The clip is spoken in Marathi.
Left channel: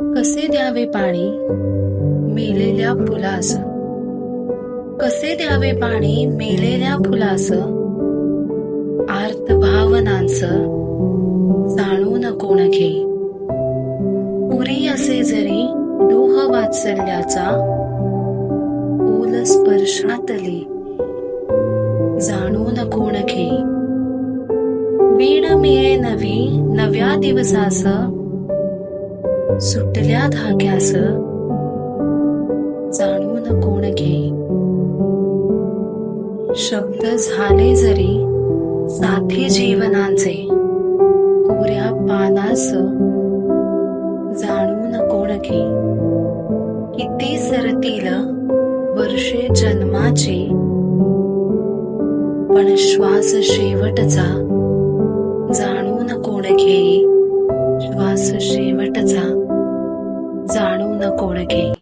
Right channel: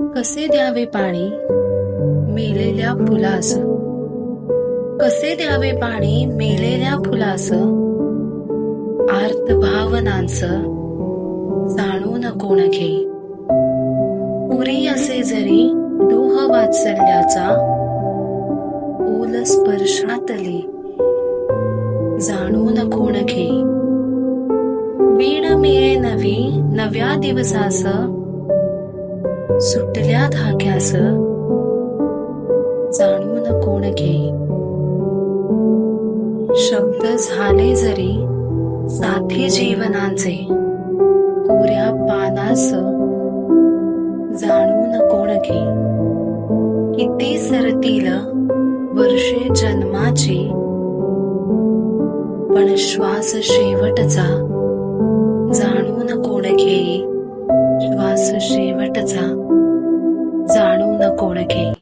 कसे द्यावे पाणी? मेलेल्या फुलास कसे द्यावे पाणी? मेलेल्या फुलास आर्त भावनांस जाणून कोण घे उरी असे जरी डोह वात्सल्याचा ओल स्पर्शातले. जाणून कोण घे वीण मिळे नवी नव्या दिवसास सुटल्या धाग्यास जाणून कोण घे. शब्द झाले जरी साथी जीवनाचे कोऱ्या पानास जाणून कोण घे. किती सरतील वर्षे जन्माची. पण श्वास शेवटचा. जाणून कोण घेई श्वास शेवटचा. जाणून कोण घे